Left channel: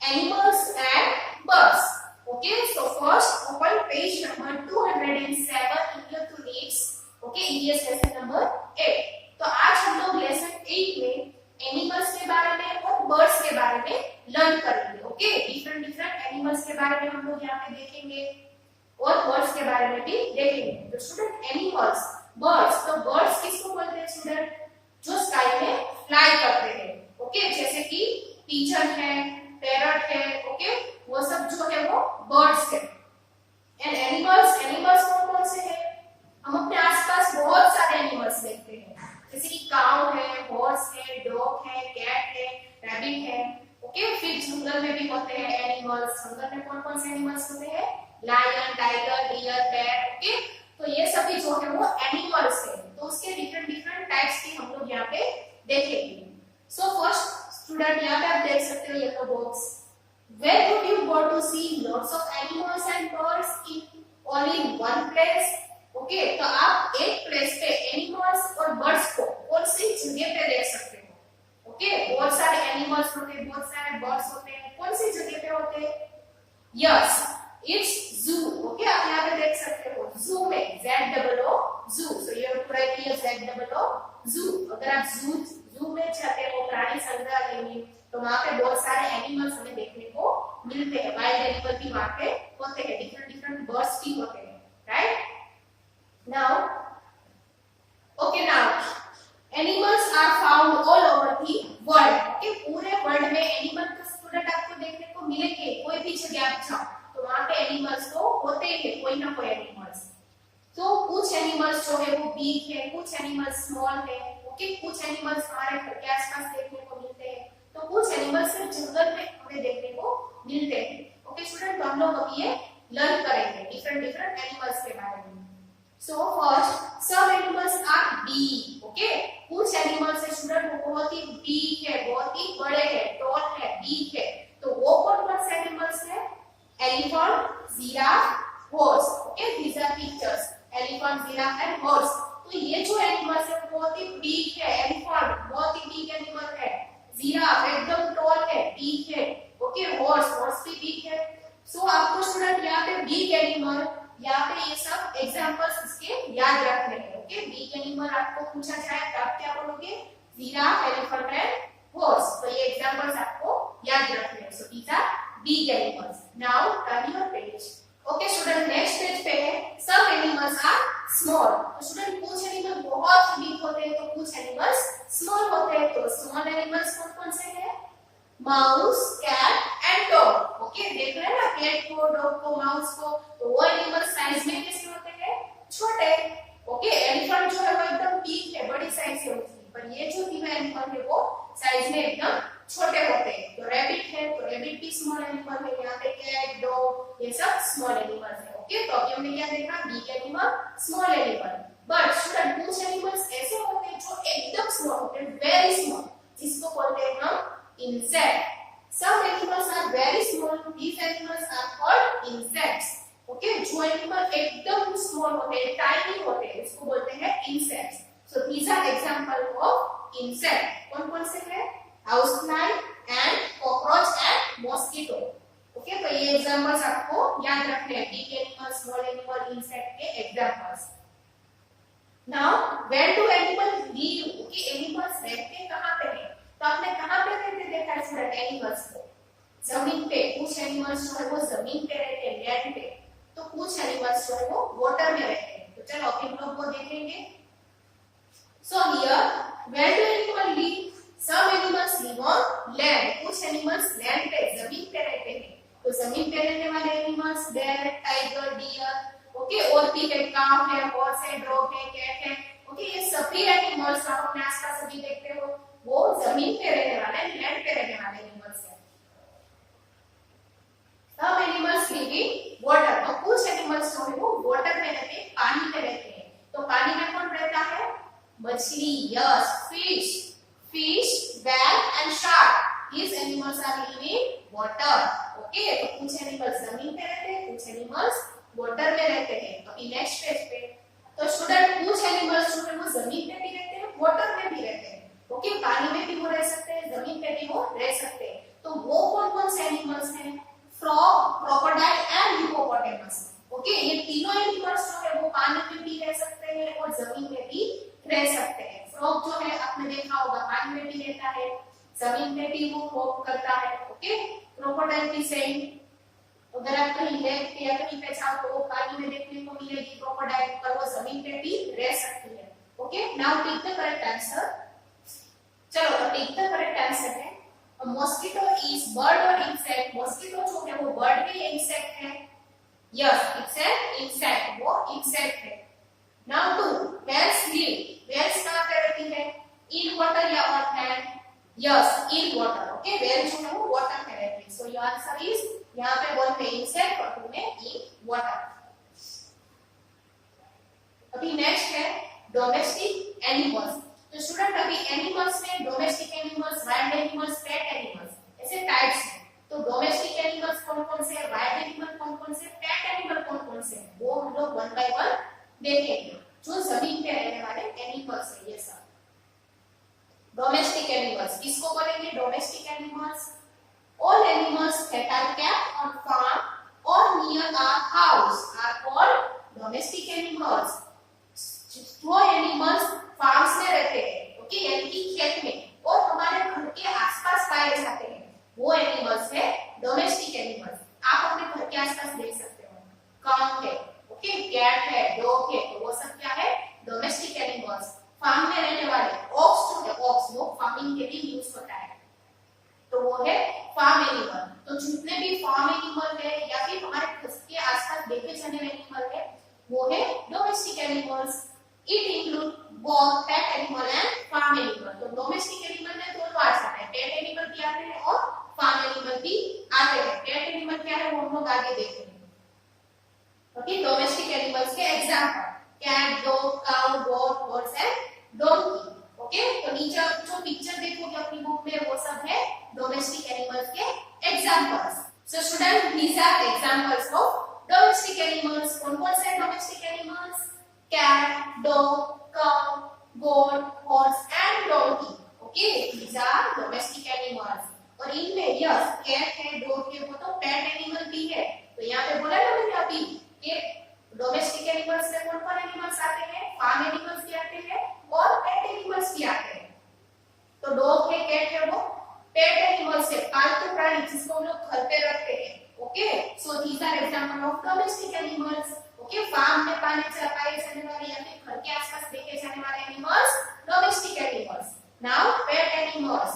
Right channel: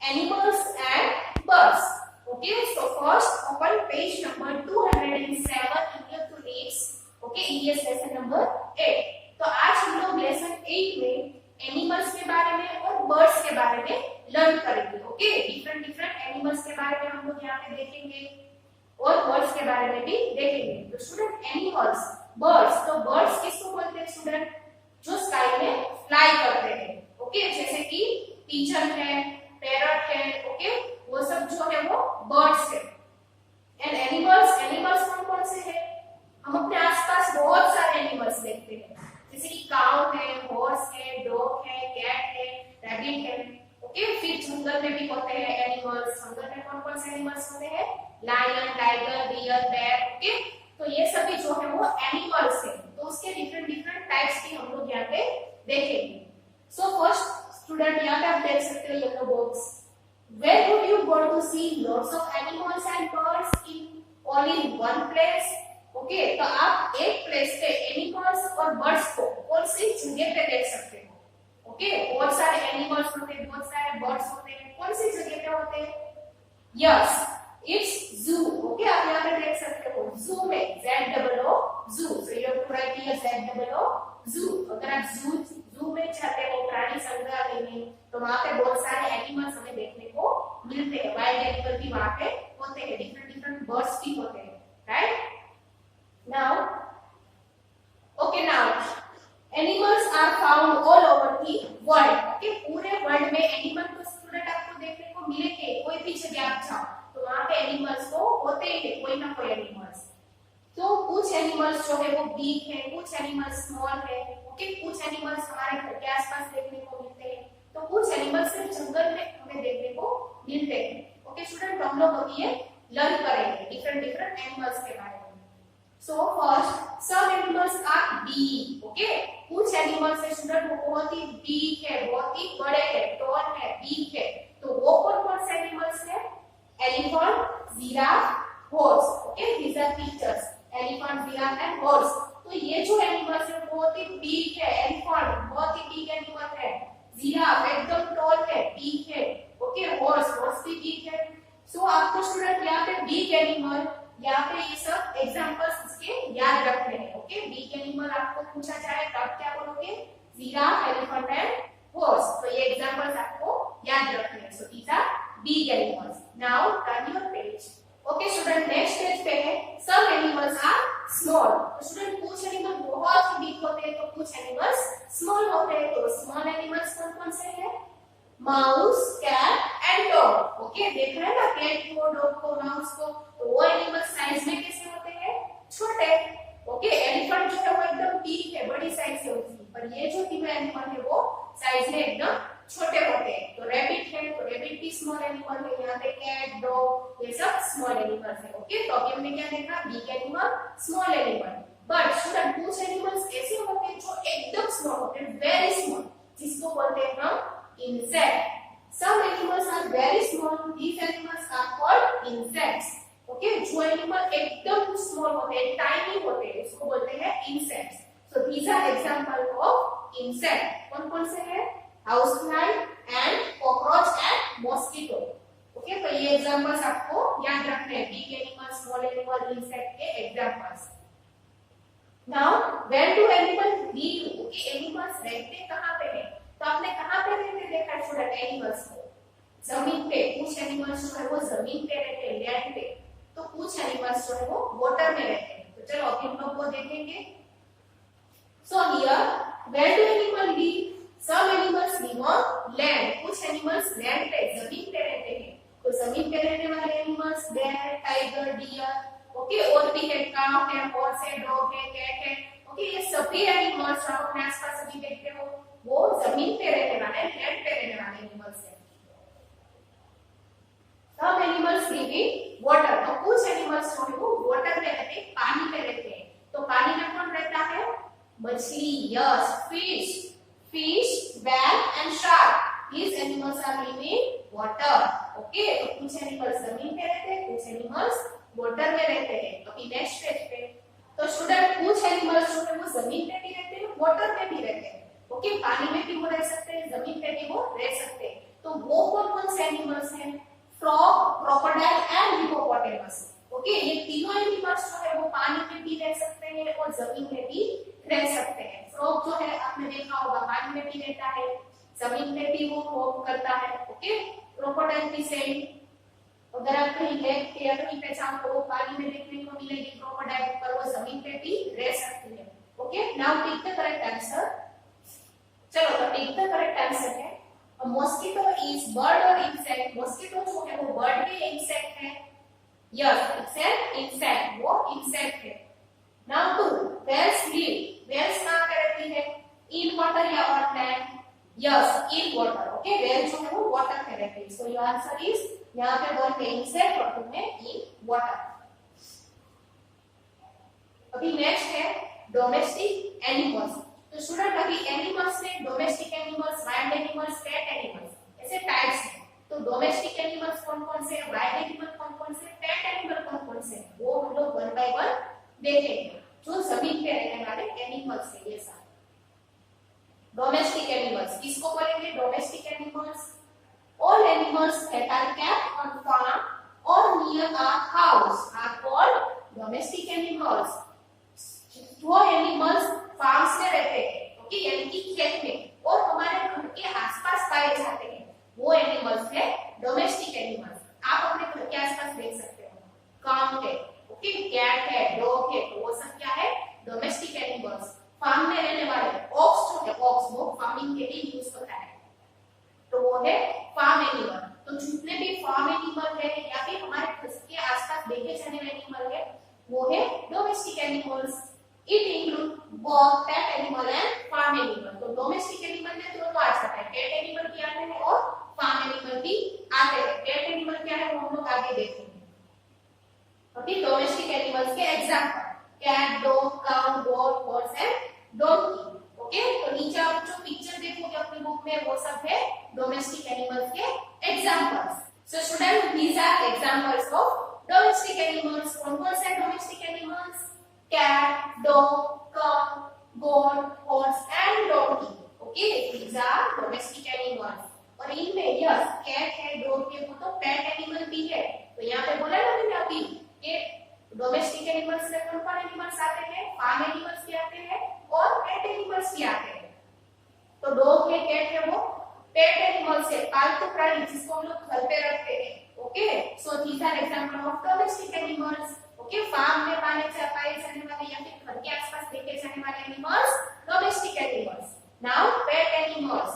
animals and birds. Okay, so first open page number 207 electronics. Okay, EVS lesson number 8. तो आज हम लोग lesson 8 में एनिमल्स के बारे में और बर्ड्स के बारे में लर्न करेंगे. ओके, डिफरेंट डिफरेंट एनिमल्स के बारे में हम लोग यहाँ पे देखेंगे और बर्ड्स के बारे में भी देखेंगे. तो स्टूडेंट एनिमल्स, बर्ड्स, तो बर्ड्स किसको बोलते हैं स्टूडेंट? जो स्काई में फ्लाई करते हैं. ओके, जैसे कि पिजन है, पैरट है. ओके, वो सब जो है वो बर्ड्स है. एंड एनिमल्स, एनिमल्स कौन कौन से हैं? हम अपने आसपास बहुत सारे एनिमल्स देखते हैं, जैसे कि काउ है, हॉर्स है, डॉग है, कैट है, रैबिट है. ओके, फिर जंगल में भी होते हैं एनिमल्स. जंगल में कौन कौन से एनिमल्स होते हैं? Lion, tiger, deer, bear. Okay, तो ये सभी जो है वो एनिमल्स हैं. तो उसके डिफरेंट डिफरेंट टाइप्स भी हम लोग यहाँ पे देखेंगे. सो फर्स्ट स्टूडेंट, यहाँ पे आप देख सकते हो yellow box. Where would you go to see lots of animals and birds in all in one place? Okay, तो आप एक प्लेस पे एनिमल्स और बर्ड्स को कौन सी जगह पे देख सकते हो? ओके, बहुत सारे एनिमल्स होते हैं, बहुत सारे बर्ड्स होते हैं. कौन सी जगह पे होते हैं? यस, इट्स जू. ओके, आप यहाँ पे देख सकते हो जू में ZOO zoo. So you have to write here ZOO zoo. अगर आप जू में जाते हो, प्राणी संग्रहालय में, तो वहां पे बहुत सारे एनिमल्स हमें देखने को मिलते हैं. वाइल्ड एनिमल भी वहां पे होते हैं, डिफरेंट डिफरेंट बर्ड्स भी होते हैं. Right now, okay, now animals are found all over the world. Okay, पूरे वर्ल्ड में एनिमल तो स्टूडेंट आपको देखने को मिलेंगे. कोई भी जगह आप जाओ तो वहां पे एनिमल्स तो होते ही है, कोई ना कोई एनिमल्स. तो कुछ एनिमल्स जो है वो बिग है, कुछ एनिमल्स स्मॉल है. ओके, कुछ एनिमल्स हमारे घर के आसपास देखने को मिलते हैं, तो कुछ एनिमल्स सिर्फ जंगल में हमें देखने को मिलते हैं. ओके स्टूडेंट, तो हम लोग अभी ये लर्न करेंगे डिफरेंट डिफरेंट एनिमल्स के बारे में. So first, some animals are big. Okay, कुछ एनिमल्स है स्टूडेंट वो बहुत ही बिग है, बहुत ही बड़े हैं, टॉल है, बिग है. तो वो कौन कौन से एनिमल्स है? Elephant, giraffe, horse. Okay, these are pictures. Elephant, giraffe and horse. तो ये जो एनिमल्स है बहुत ही बिग है. एलिफेंट बहुत ही बिग एनिमल है. जिराफ एकदम टॉल है, बिग है. ओके, हॉर्स भी बिग है. सो आपको स्टूडेंट यहाँ पे बिग एनिमल, यहाँ पे ये सब एग्जांपल्स इसके याद रखने हैं. ओके, बिग एनिमल आपको पूछा जाए तो आप क्या बोलोगे? Giraffe, elephant and horse. तो ये एग्जांपल्स आपको याद रखने हैं. So these are big animals. Now turn your page. Okay student, next page पे है सम एनिमल्स आर स्मॉल. तो स्टूडेंट कुछ एनिमल बहुत ही बिग होते हैं, तो कुछ एनिमल्स स्मॉल होते हैं. तो स्मॉल एनिमल्स कौन कौन से हैं? Mouse, cat and dog. Okay, देख रहे हैं ना कैट को, डॉग को, माउस को. तो वो एनिमल्स साइज में कैसे होते हैं? छोटे. ओके, एलिफेंट जो है वो एकदम बिग है, बड़ी साइज है उसकी. पर ये जो तीनों एनिमल है वो साइज में एकदम छोटे होते हैं. तो रैबिट है, तो रैबिट भी स्मॉल एनिमल है. यहाँ पे कैट, डॉग, ये सब स्मॉल एनिमल्स है. ओके, तो अभी हमने क्या देखा? Big animal, small animal. But student कुछ एनिमल्स ऐसे होते हैं जो एकदम स्मॉल होते हैं, वेरी स्मॉल, जिसको बोलते हैं हम insect. Some animals are very small. These animals are called insects. Okay, जो एनिमल एकदम स्मॉल होते हैं, टाइनी होते हैं, इसको बोलते हैं insects. So these are example of insect. कौन कौन से हैं? Housefly and cockroach and mosquito. Okay, तो ये एग्जांपल्स आपको याद रखने हैं. Big animal, small animal, insect के examples. Now, where do animals live? Okay, animals रहते कहाँ पे हैं? तो आपने कहां पे रहते देखा है स्टूडेंट? एनिमल्स को जमीन पे. कुछ एनिमल्स जो है वो जमीन पे रहते हैं, लैंड पे. तो कुछ एनिमल्स जो है वो वाटर में रहते हैं. तो चलो अभी हम लोग को देखेंगे. So here, where do animal live? Some animals live on land. कुछ एनिमल्स लैंड पे, जमीन पे रहते हैं. तो जमीन पे रहने वाले animals bear, tiger, deer. Okay, और भी है, काऊ है, हॉर्स है, डॉग है, कैट है. ओके, ये सभी एनिमल्स आप अपने आसपास सभी देखते हो वो जमीन पे रहने वाले, लैंड पे रहने वाले एनिमल्स हैं. सब एनिमल्स लिव इन वाटर. तो कुछ एनिमल्स जो है वो वाटर में रहते हैं, पानी में रहते हैं. तो पानी में कौन रहता है? मछली. Yes, fish, whale and shark. These animals are living in water. Okay, तो कुछ एनिमल्स जमीन पे रहते हैं, कुछ एनिमल्स वाटर में रहते हैं. तो नेक्स्ट पेज पे तो स्टूडेंट कुछ एनिमल्स जो है वो जमीन पे भी रहते हैं, वाटर में भी रहते हैं. ओके, पानी में भी वो रह सकते हैं, जमीन पे भी वो रह सकते हैं. तो वो करता है। ओके, क्रोकोडाइल की सेंट अगर आप कहीं लेक पे या कहीं पे जाओ तो वो पानी में देखने को मिलेगी क्रोकोडाइल, पर वो जमीन पे भी रह सकती है। Okay, now take the correct answer. चलो तो टेक द करेक्ट आंसर है मॉस्किटो इज बर्ड और इंसेक्ट। मॉस्किटो जो है वो बर्ड भी है, इंसेक्ट है। यस, इट्स एन इंसेक्ट, वो इंसेक्ट है। Now two, whales live. Whales कहां पे रहती है? इन वाटर या on land? Yes, in water. Okay, whale जो है वो वाटर पे रहती है। सो योर आंसर इज, यहां पे वन में इंसेक्ट और टू में इन वाटर। अभी नेक्स्ट है डोमेस्टिक एनिमल्स। तो स्टूडेंट अभी एनिमल्स में domestic animals, wild animals, pet animals ऐसे टाइप्स हैं। तो डोमेस्टिक एनिमल्स कौन-कौन से हैं, वाइल्ड एनिमल कौन-कौन से, पेट एनिमल कौन-कौन से हैं, वो हम लोग वन बाय वन देखेंगे। जो जमीन पे रहने वाले एनिमल्स हैं ये सब। डोमेस्टिक एनिमल्स किसको बोलेंगे? Domestic animals all animals that are kept on farm or near a house are called domestic animals. जो एनिमल्स फार्म्स में रहते हैं, ओके, यानी कि खेत में और हमारे घर के आसपास पाए जाते हैं, वो एनिमल्स है डोमेस्टिक एनिमल्स। आप अपने घर के आसपास देख सकते हो, काऊ है, ओके, कैट है, डॉग है, तो वो सब क्या है? Domestic animals. फार्म में रहने वाले ऑक्स जो है, ऑक्स वो फार्मिंग के लिए यूज होता है, तो वो है फार्म एनिमल। तो जितने भी फार्म एनिमल है या फिर हमारे घर के आसपास देखे जाने वाले एनिमल है वो है domestic animals. It include both pet animal and farm animal। तो डोमेस्टिक एनिमल में दोनों आ जाता है, पेट एनिमल भी आते हैं और फार्म एनिमल भी आते हैं। पेट एनिमल क्या है वो हम लोग आगे देखेंगे। ओके, डोमेस्टिक एनिमल्स के example cat, dog, cow, goat, horse and donkey. Okay, तो नीचे आप जो पिक्चर देखोगे अपनी बुक में वो सब है डोमेस्टिक एनिमल्स के examples. So student, these are examples of domestic animals. कौन-कौन से domestic animals? cat, dog, cow, goat, horse and donkey। Okay, these are domestic animals। और इनमें यस कैट है, डॉग है, वो तो पेट एनिमल भी है। तो यहाँ पे बोला ना मैंने अभी कि डोमेस्टिक एनिमल्स में कौन-कौन एनिमल्स आते हैं? फार्म एनिमल्स भी आते हैं और पेट एनिमल्स भी आते हैं। तो डॉग है, कैट है, वो पेट एनिमल्स है, पालतू प्राणी जिसको हम लोग घर पे रखते हैं। Okay, so these are example of domestic animals. Okay, farm में पाए जाने वाले या फिर घर के आसपास देखे जाने वाले animals domestic animals. Now pet animals.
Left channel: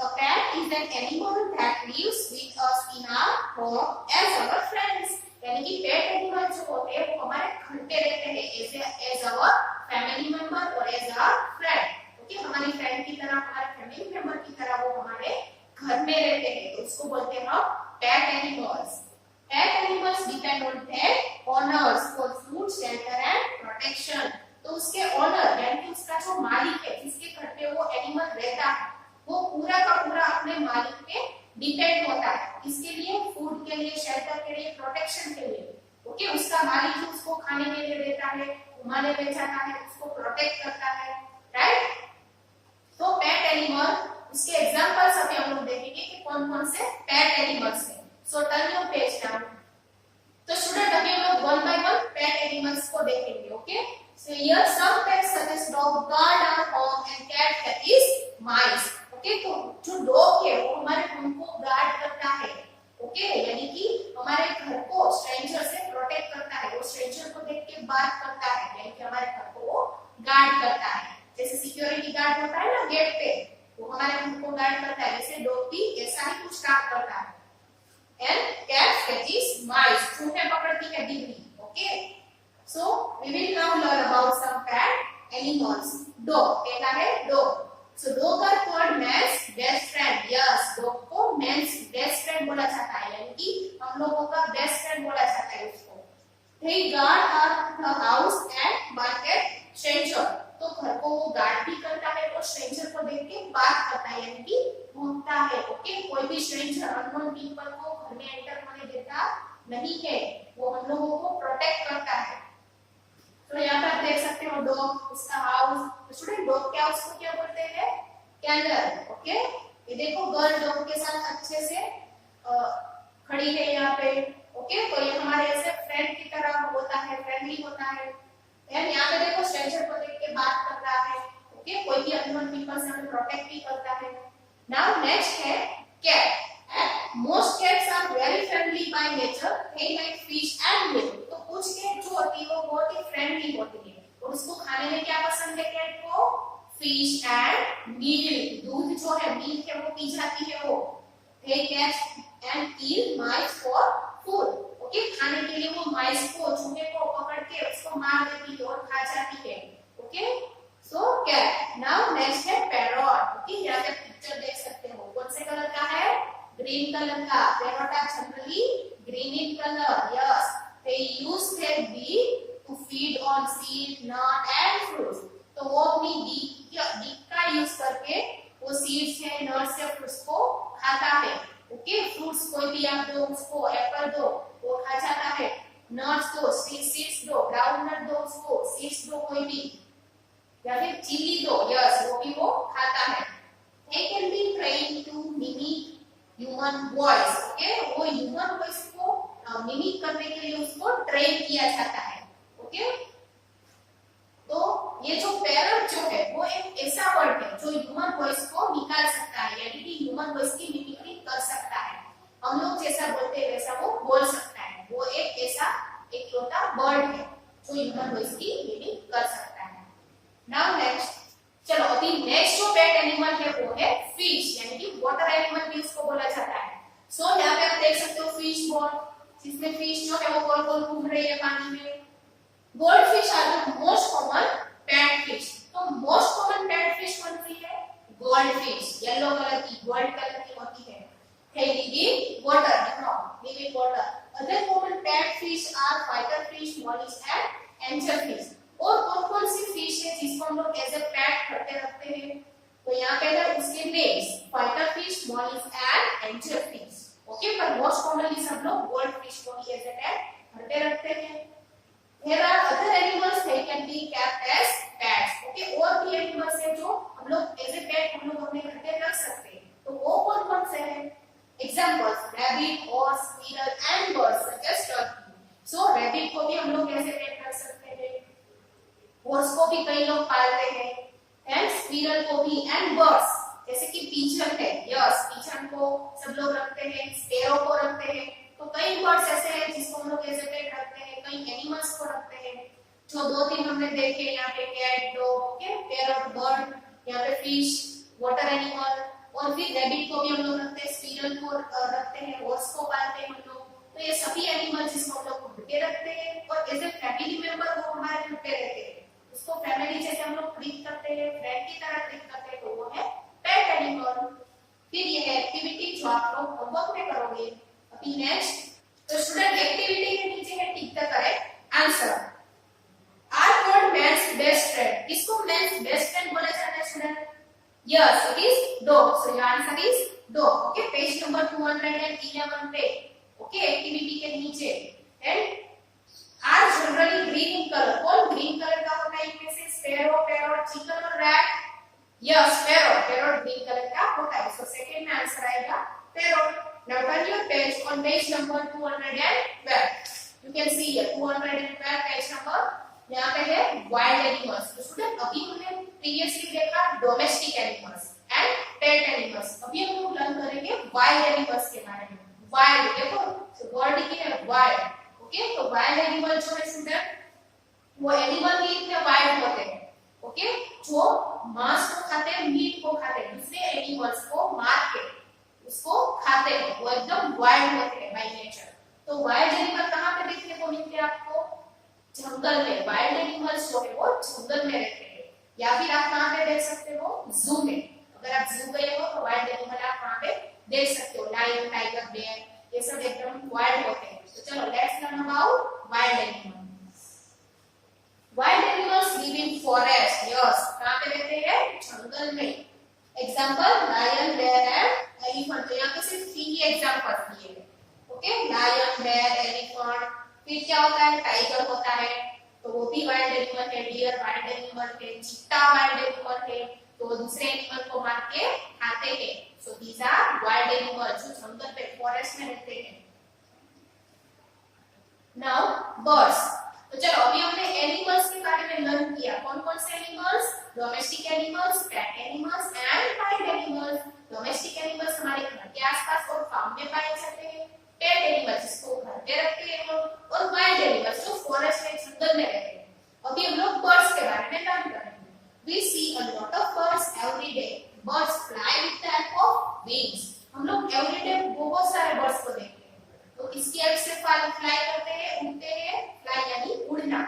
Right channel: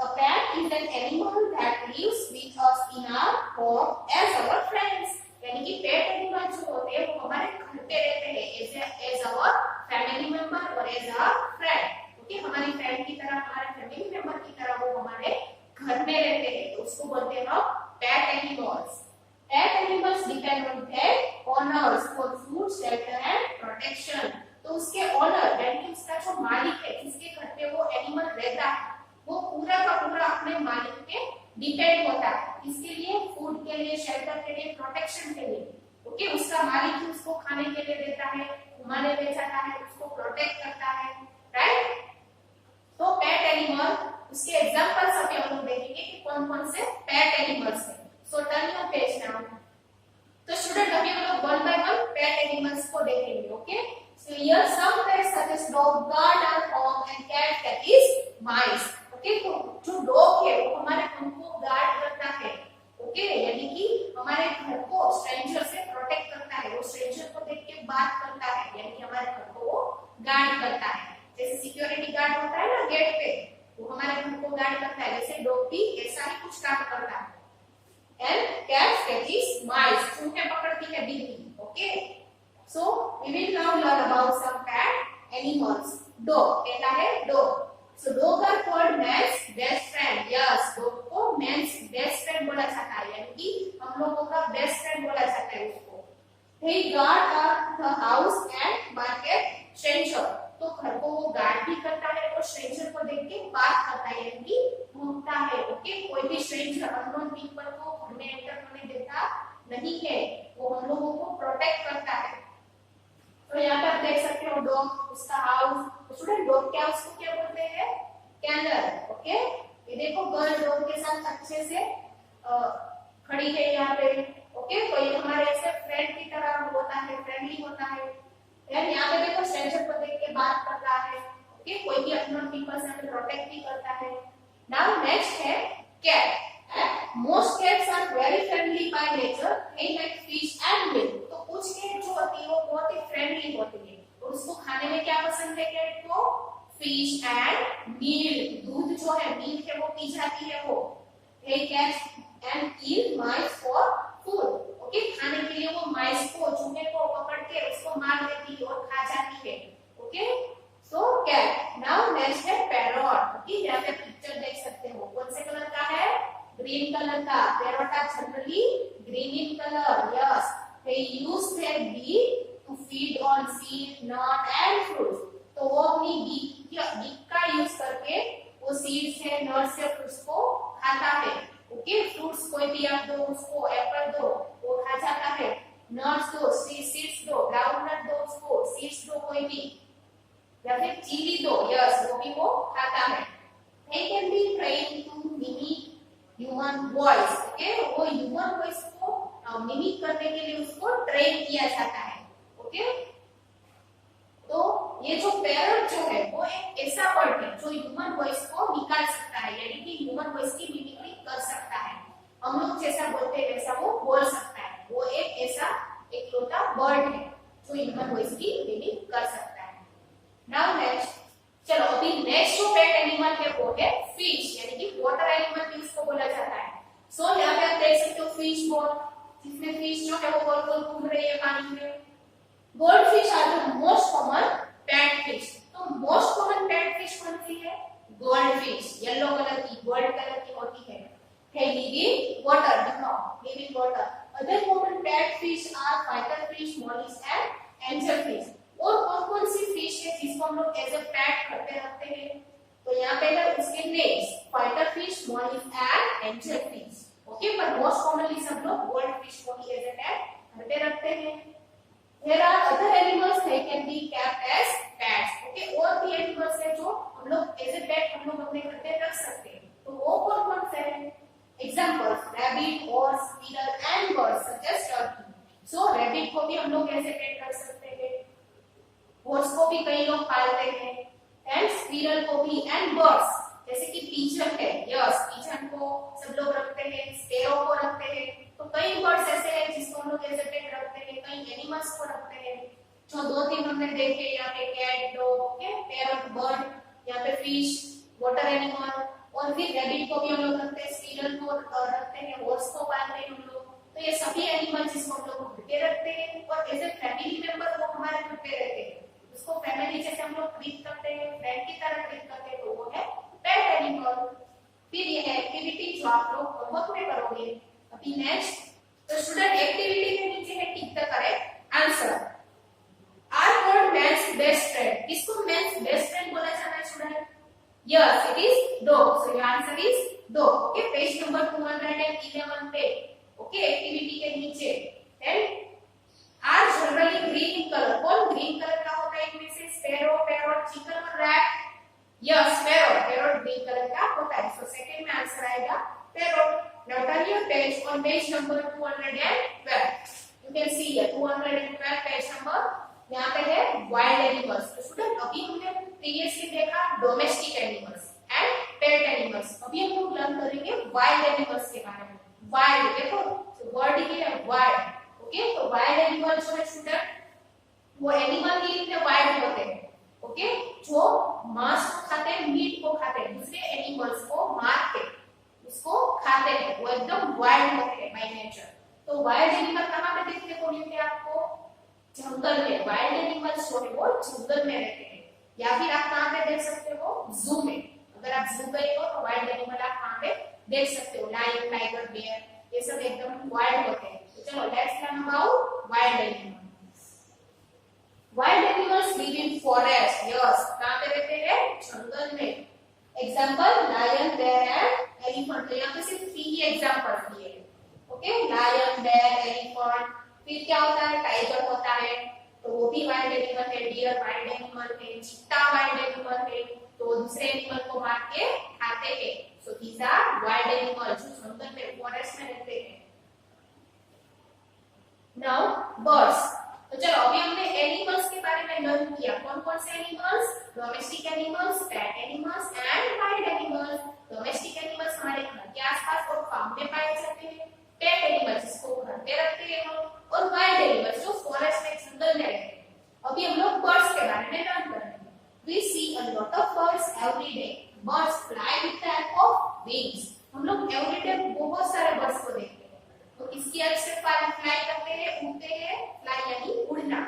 A pet is an animal that lives with us in our home as our friends। यानी कि पेट एनिमल जो होते हैं वो हमारे घर पे रहते हैं as our family member और as our friend। ओके, हमारी फ्रेंड की तरह, हमारे फैमिली मेंबर की तरह वो हमारे घर में रहते हैं, तो उसको बोलते हैं हम pet animals. Pet animals depend on their owners for food, shelter and protection। तो उसके ओनर यानी कि उसका जो मालिक है, जिसके घर पे वो एनिमल रहता है, वो पूरा का पूरा अपने मालिक पे डिपेंड होता है। इसके लिए, फूड के लिए, शेल्टर के लिए, प्रोटेक्शन के लिए। ओके, उसका मालिक ही उसको खाने के लिए देता है, घुमाने ले जाता है, उसको प्रोटेक्ट करता है, राइट। तो पेट एनिमल, उसके एग्जांपल्स अभी हम लोग देखेंगे कि कौन-कौन से पेट एनिमल्स हैं। So turn your page now। तो स्टूडेंट अभी हम लोग one by one pet animals को देखेंगे। Okay, so here some pets such as dog guard our home and cat is mice। Okay, तो जो डॉग है वो हमारे होम को गार्ड करता है। ओके, यानी कि हमारे घर को स्ट्रेंजर से प्रोटेक्ट करता है, वो स्ट्रेंजर को देख के बात करता है, यानी कि हमारे घर को वो गार्ड करता है। जैसे सिक्योरिटी गार्ड होता है ना गेट पे, वो हमारे घर को गार्ड करता है, वैसे डॉग भी ऐसा ही कुछ काम करता है। And cat catches mice। चूहे पकड़ती है बिल्ली। Okay, so we will now learn about some pet animals। Dog, पहला है dog। So dog are called man's best friend। Yes, dog को man's best friend बोला जाता है, यानी कि हम लोगों का बेस्ट फ्रेंड बोला जाता है उसको। They guard the house and market stranger। तो घर को वो गार्ड भी करता है और स्ट्रेंजर को देख के बात करता है, यानी कि घूमता है। ओके, कोई भी स्ट्रेंजर, अननोन पीपल को घर में एंटर होने देता नहीं है, वो हम लोगों को प्रोटेक्ट करता है। तो यहाँ पे आप देख सकते हो डॉग, उसका हाउस। तो स्टूडेंट डॉग क्या, उसको क्या बोलते हैं? कैनल। ओके, ये देखो गर्ल डॉग के साथ अच्छे से खड़ी है यहाँ पे। ओके, तो ये हमारे ऐसे फ्रेंड की तरह होता है, फ्रेंडली होता है। यार यहाँ पे देखो स्ट्रेंजर को देख के बात कर रहा है। ओके, कोई भी अननोन पीपल से हमें प्रोटेक्ट भी करता है। नाउ नेक्स्ट है cat. Most cats are very friendly by nature, they like fish and milk. तो कुछ कैट जो होती है वो बहुत ही फ्रेंडली होती है और उसको खाने में क्या पसंद है कैट को? फिश एंड मिल्क, दूध जो है मिल्क है वो पी जाती है वो। They catch and kill mice for food, okay, खाने के लिए वो माइस को, चूहे को पकड़ के उसको मार देती है और खा जाती है, ओके। सो कैट। नाउ नेक्स्ट है पैरॉट, ओके, यहाँ पे पिक्चर देख सकते हो, कौन से कलर का है? ग्रीन कलर का। Parrot are generally green in colour, yes. They use their beak to feed on seed, nut and fruits. तो वो अपनी बीक का यूज करके वो सीड्स है, नट्स है, फ्रूट्स को खाता है, ओके। फ्रूट्स कोई भी आप दो उसको, एप्पल दो वो खा जाता है, नट्स दो, सीड्स दो, ग्राउंड नट दो उसको, सीड्स दो कोई भी, या फिर चिली दो, यस, वो भी वो खाता है। They can be trained to mimic human voice, okay, वो ह्यूमन वॉइस को मिमिक करने के लिए उसको ट्रेन किया जाता है, ओके। तो ये जो पैरट जो है वो एक ऐसा वर्ड है जो ह्यूमन वॉइस को निकाल सकता है, यानी कि ह्यूमन वॉइस की मिमिक्री कर सकता है। हम लोग जैसा बोलते हैं वैसा वो बोल सकता है। वो एक ऐसा एक छोटा बर्ड है जो ह्यूमन वॉइस की मिमिक कर सकता है। नाउ नेक्स्ट, चलो अभी नेक्स्ट जो पेट एनिमल है वो है फिश, यानी कि वाटर एनिमल भी इसको बोला जाता है। सो यहाँ पे आप देख सकते हो फिश बॉल, जिसमें फिश जो है वो गोल गोल घूम रही है पानी में। Goldfish are the most common pet fish. तो मोस्ट कॉमन पेट फिश कौन सी है? गोल्डफिश, येलो कलर की, गोल्ड कलर की होती है। They live in water, no, live in water. Other common pet fish are fighter fish, mollusk and angelfish. और कौन-कौन सी फिश है जिसको हम लोग एज ए पेट करते रखते हैं? तो यहाँ पे है उसके names, fighter fish, mollusk and angelfish. Okay, पर मोस्ट कॉमनली सब लोग गोल्डफिश को ही एज ए पेट करते रखते हैं। There are other animals they can be kept as pets. Okay, और भी एनिमल्स हैं जो हम लोग एज ए पेट हम लोग अपने घर पे रख सकते हैं। तो वो कौन-कौन से हैं? Examples: rabbit, horse, squirrel and birds such as turkey. So rabbit को भी हम लोग कैसे पेट रख सकते हैं? horse को भी कई लोग पालते हैं, and squirrel को भी, and birds जैसे कि pigeon है, yes, pigeon को सब लोग रखते हैं, sparrow को रखते हैं। तो कई बर्ड्स ऐसे हैं जिसको हम लोग ऐसे पेट रखते हैं, कई एनिमल्स को रखते हैं। जो दो तीन हमने देखे यहाँ पे cat, dog, okay, parrot, bird, यहाँ पे फिश, वाटर एनिमल, और फिर रैबिट को भी हम लोग रखते हैं, स्क्विरल को रखते हैं, हॉर्स को पालते हैं हम लोग। तो ये सभी एनिमल जिसको हम लोग घर पे रखते हैं और एज ए फैमिली मेंबर वो हमारे घर पे रहते हैं, उसको फैमिली जैसे हम लोग ट्रीट करते हैं, फ्रेंड की तरह ट्रीट करते हैं, तो वो है पेट एनिमल। फिर ये है एक्टिविटी जो आप लोग होमवर्क में करोगे। अभी नेक्स्ट, तो स्टूडेंट एक्टिविटी के नीचे है tick the correct answer. Are called man's best friend. किसको मैन्स बेस्ट फ्रेंड बोला जाता है student? Yes, it is dog. So your answer is dog. Okay, page number 211 पे, ओके, एक्टिविटी के नीचे। And are generally green in colour. कौन green colour का होता है इनमें से? स्पैरो, पैरॉट, चिकन और rat. Yes, parrot, parrot green colour का होता है। सो सेकंड में आंसर आएगा पैरॉट। Now turn your page on page number 212. You can see here 212 page number. यहाँ पे है wild animals. तो स्टूडेंट अभी हमने previously देखा domestic animals and pet animals. अभी हम लोग लर्न करेंगे wild animals के बारे में. Wild, देखो word ही है wild. ओके, तो wild animal जो है स्टूडेंट वो animal ही इतने wild होते हैं. ओके, जो मांस को खाते हैं, मीट को खाते हैं, दूसरे एनिमल्स को मार के उसको खाते हैं, वो एकदम वाइल्ड होते हैं बाय नेचर। तो वाइल्ड एनिमल कहाँ पे देखने को मिलते हैं आपको? जंगल में। वाइल्ड एनिमल्स जो है वो जंगल में रहते हैं, या फिर आप कहाँ पे देख सकते हो? जू में। अगर आप जू गए हो तो वाइल्ड एनिमल आप कहाँ पे देख सकते हो? लायन, टाइगर, बेयर, ये सब एकदम वाइल्ड होते हैं। तो चलो let's learn about wild animals. Wild animals live in forest. Yes, कहाँ पे रहते हैं? जंगल में। Example lion, bear and elephant. तो यहाँ पे सिर्फ 3 ही एग्जाम्पल दिए हैं। Okay, lion, bear, elephant. फिर क्या होता है? टाइगर होता है, तो वो भी वाइल्ड एनिमल है। डियर वाइल्ड एनिमल है, चीता वाइल्ड एनिमल है, तो दूसरे एनिमल को मार के खाते हैं। So these are wild animal जो जंगल में, फॉरेस्ट में रहते हैं। Now birds. तो चलो अभी हमने एनिमल्स के बारे में लर्न किया। कौन कौन से animals? Domestic animals, pet animals and wild animals. Domestic animals हमारे घर के आसपास और फार्म में पाए जाते हैं, पेट एनिमल्स जिसको घर पे रखते हैं हम, और वाइल्ड एनिमल्स जो फॉरेस्ट में जंगल में रहते हैं। अभी हम लोग बर्ड्स के बारे में बात करेंगे। We see a lot of birds every day. Birds fly with the help of wings. हम लोग एवरी डे बहुत सारे बर्ड्स को देखते हैं। तो किसकी हेल्प से फ्लाई करते हैं, उड़ते हैं, फ्लाई यानी उड़ना।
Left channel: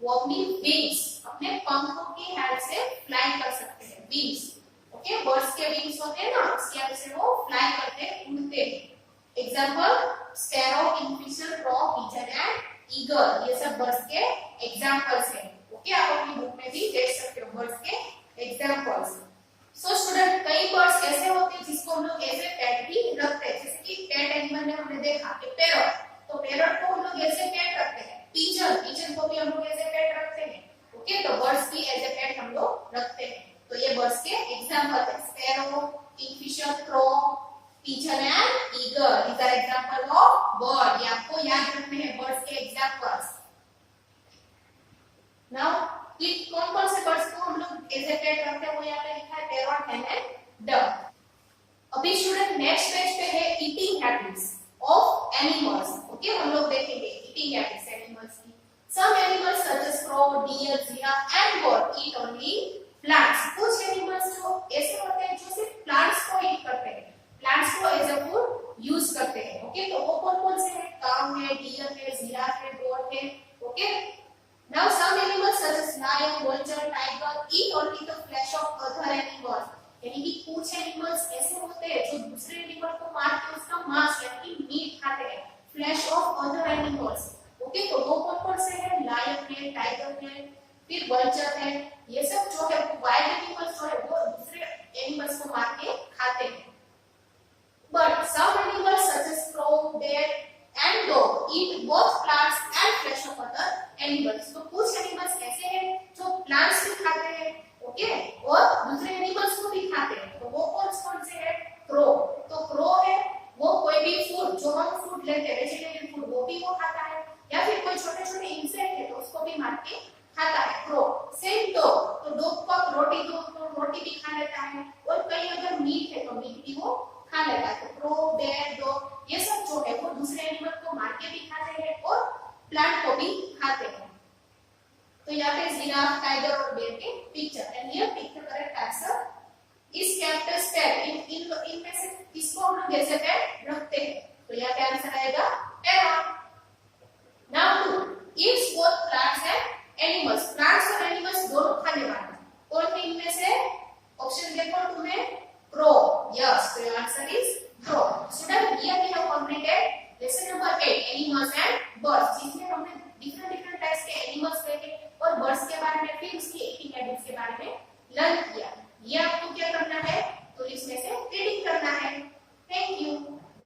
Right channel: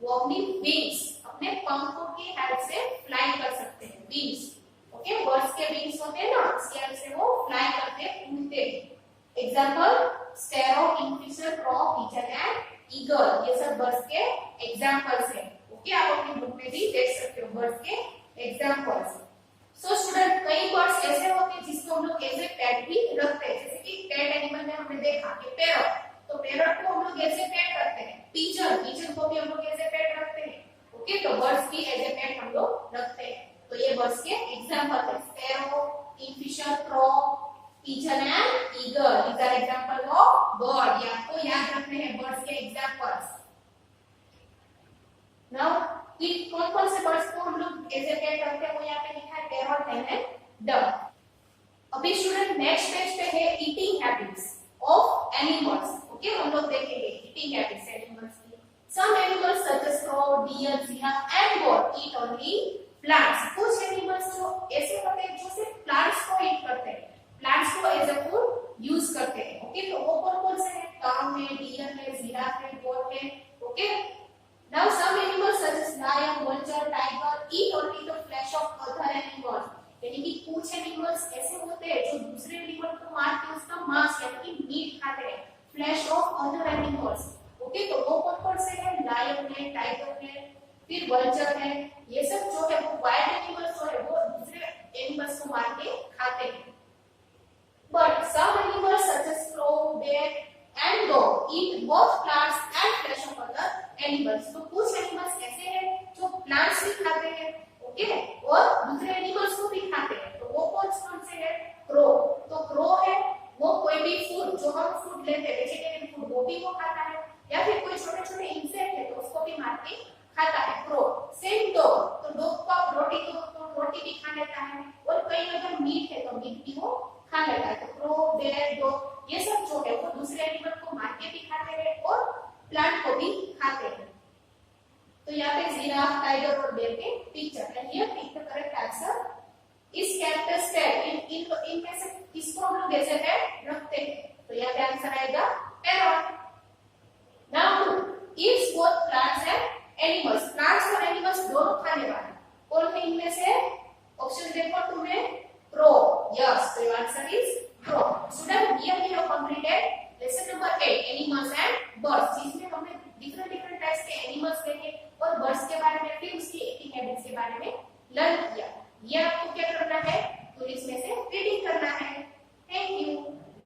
वो अपनी विंग्स, अपने पंखों की हेल्प से फ्लाई कर सकते हैं, विंग्स। ओके, बर्ड्स के विंग्स होते हैं ना, उसकी हेल्प से वो फ्लाई करते हैं, उड़ते हैं। Example sparrow, kingfisher, crow, pigeon and eagle, ये सब बर्ड्स के एग्जांपल्स हैं। ओके, आप अपनी बुक में भी देख सकते हो बर्ड्स के एग्जांपल्स। सो स्टूडेंट, कई बर्ड्स ऐसे होते हैं जिसको हम लोग एज ए पेट भी रखते हैं, जैसे कि पेट एनिमल में हमने देखा कि पैरट, तो पैरट को हम लोग एज ए पेट रखते हैं। पिजन को भी हम लोग एज ए पेट रखते हैं। ओके, तो बर्ड्स भी एज ए पेट हम लोग रखते हैं। तो ये बर्ड्स के एग्जांपल है, sparrow, kingfisher, crow, pigeon and eagle. These are example of bird. ये आपको याद रखने हैं बर्ड्स के एग्जांपल्स। नाउ कौन कौन से बर्ड्स को हम लोग एज ए पेट रखते हैं वो यहाँ पे लिखा है, पैरट, हेन एंड डक। अभी स्टूडेंट नेक्स्ट पेज पे है eating habits of animals. Okay, हम लोग देखेंगे ईटिंग हैबिट्स एनिमल्स की। Some animals such as crow, deer, giraffe and goat eat only plants. कुछ एनिमल्स जो ऐसे होते हैं जो सिर्फ प्लांट्स को ईट करते हैं, प्लांट्स को एज अ फूड यूज करते हैं। ओके, तो वो कौन कौन से हैं? काऊ है, डियर है, जिराफ है, गोट है। Okay, now some animals such as lion, vulture, tiger eat only the flesh of other animals. यानी कि कुछ एनिमल्स ऐसे होते हैं जो दूसरे एनिमल को मार के उसका मांस यानी कि मीट खाते हैं, flash of other animals. Okay, तो वो कौन कौन से हैं? लायन है, टाइगर है, फिर वल्चर है। ये सब जो है वो वाइल्ड एनिमल्स जो है वो दूसरे एनिमल्स को मार के खाते हैं। But some animals such as crow, bear and dog eat both plants and flesh of other animals. तो कुछ एनिमल्स ऐसे हैं जो प्लांट्स भी खाते हैं, ओके, और दूसरे एनिमल्स को भी खाते हैं। तो वो कौन से हैं? क्रो। तो क्रो है वो कोई भी फूड जो हम फूड लेते हैं, वेजिटेरियन फूड, वो भी वो खाता है, या फिर कोई छोटे छोटे इंसेक्ट है तो उसको भी मार के खाता है, क्रो। सेम डॉग, तो डॉग को रोटी दो तो रोटी भी खा लेता है, और कई अगर मीट है तो मीट भी वो खा लेता है। तो क्रो, बेयर, डॉग ये सब जो है वो दूसरे एनिमल को मार के भी खाते हैं और प्लांट को भी खाते हैं। तो यहाँ पे जिराफ, टाइगर और बेयर के picture, and here pick the correct answer is kept as pet. इन में से किसको हम लोग ऐसे पेट रखते हैं? तो यहाँ पे आंसर आएगा parrot. Now two eats both plants and animals. Plants और एनिमल्स दोनों खाने वाले कौन है इनमें से? ऑप्शन देखो तुम्हें, crow. Yes, so your answer is crow. Student, here we have completed lesson number 8, animals and birds. जिसमें हमने different types के animals देखे और birds के बारे में, फिर उसकी eating habits के बारे में लर्न किया। ये आपको क्या करना है? तो इसमें से रीडिंग करना है। Thank you.